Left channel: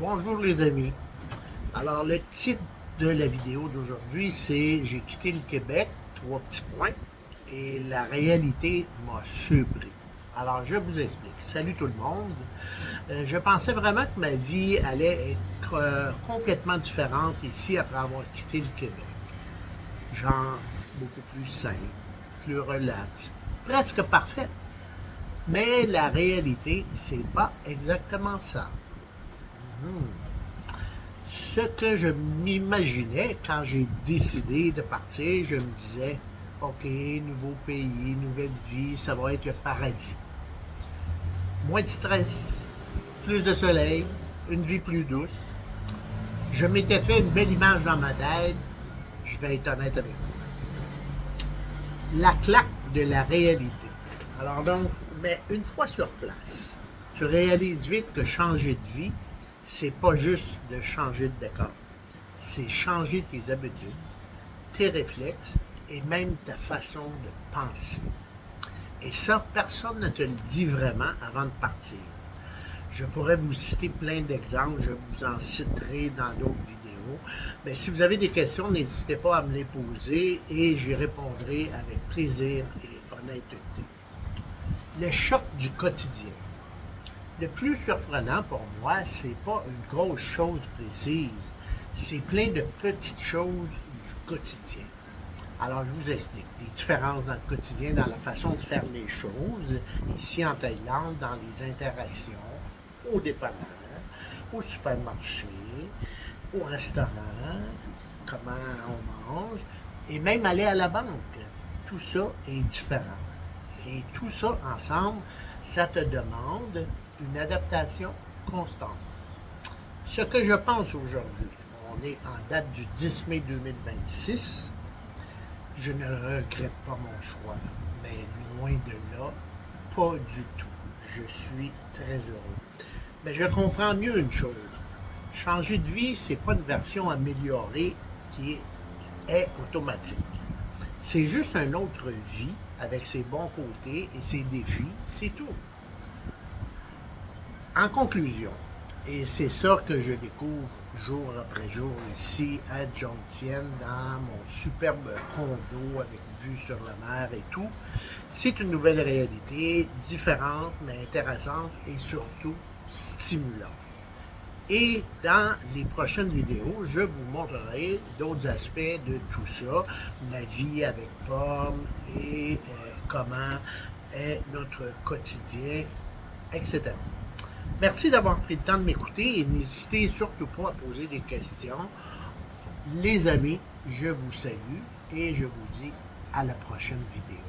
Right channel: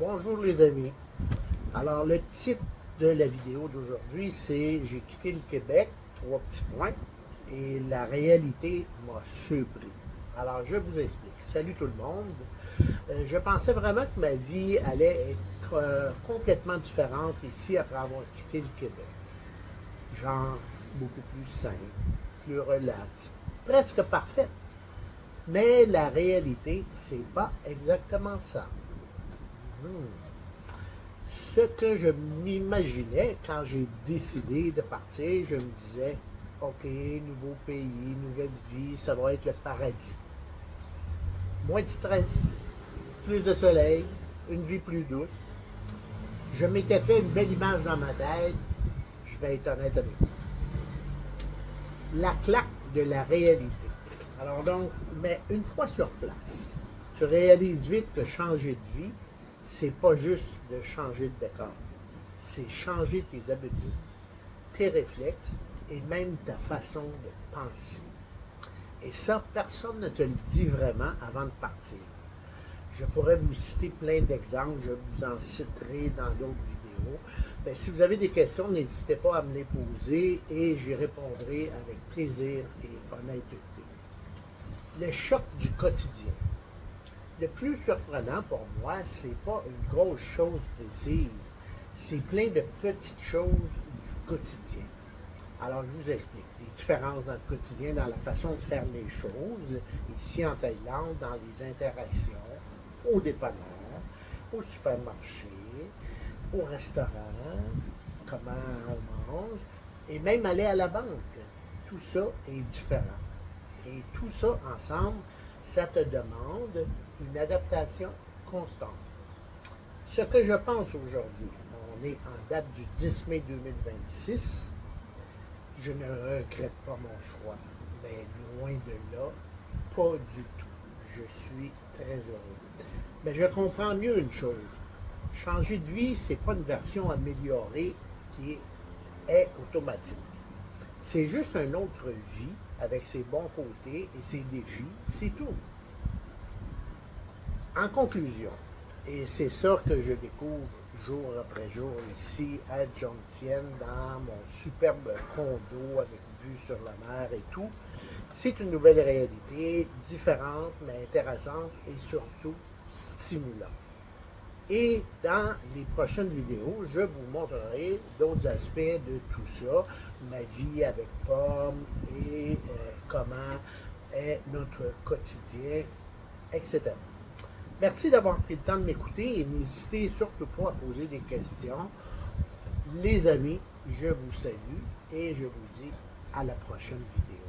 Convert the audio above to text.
Bonjour les amis. Alors le titre de la vidéo d'aujourd'hui c'est J'ai quitté le Québec, trois petits points, et la réalité m'a surpris. Alors je vous explique. Salut tout le monde. Je pensais vraiment que ma vie allait être complètement différente ici après avoir quitté le Québec. Genre beaucoup plus simple, plus relax, presque parfaite. Mais la réalité, c'est pas exactement ça. Ce que je m'imaginais quand j'ai décidé de partir, je me disais, OK, nouveau pays, nouvelle vie, ça va être le paradis. Moins de stress, plus de soleil, une vie plus douce. Je m'étais fait une belle image dans ma tête, je vais être honnête avec vous. La claque de la réalité. Alors donc, mais une fois sur place, tu réalises vite que changer de vie, c'est pas juste de changer de décor. C'est changer tes habitudes, tes réflexes et même ta façon de penser. Et ça, personne ne te le dit vraiment avant de partir. Je pourrais vous citer plein d'exemples, je vous en citerai dans d'autres vidéos. Mais si vous avez des questions, n'hésitez pas à me les poser et j'y répondrai avec plaisir et honnêteté. Le choc du quotidien. Le plus surprenant pour moi, c'est pas une grosse chose précise, c'est plein de petites choses du quotidien. Alors, je vous explique les différences dans le quotidien, dans la façon de faire les choses, ici en Thaïlande, dans les interactions, au dépanneur, au supermarché, au restaurant, comment on mange, et même aller à la banque. Tout ça est différent. Et tout ça ensemble, ça te demande une adaptation constante. Ce que je pense aujourd'hui, on est en date du 10 mai 2026, je ne regrette pas mon choix, mais loin de là, pas du tout. Je suis très heureux. Mais je comprends mieux une chose. Changer de vie, c'est pas une version améliorée qui est automatique. C'est juste une autre vie avec ses bons côtés et ses défis, c'est tout. En conclusion, et c'est ça que je découvre jour après jour ici à Jomtien, dans mon superbe condo avec vue sur la mer et tout, c'est une nouvelle réalité, différente mais intéressante et surtout stimulante. Et dans les prochaines vidéos, je vous montrerai d'autres aspects de tout ça, ma vie avec Pomme et comment est notre quotidien, etc. Merci d'avoir pris le temps de m'écouter et n'hésitez surtout pas à poser des questions. Les amis, je vous salue et je vous dis à la prochaine vidéo.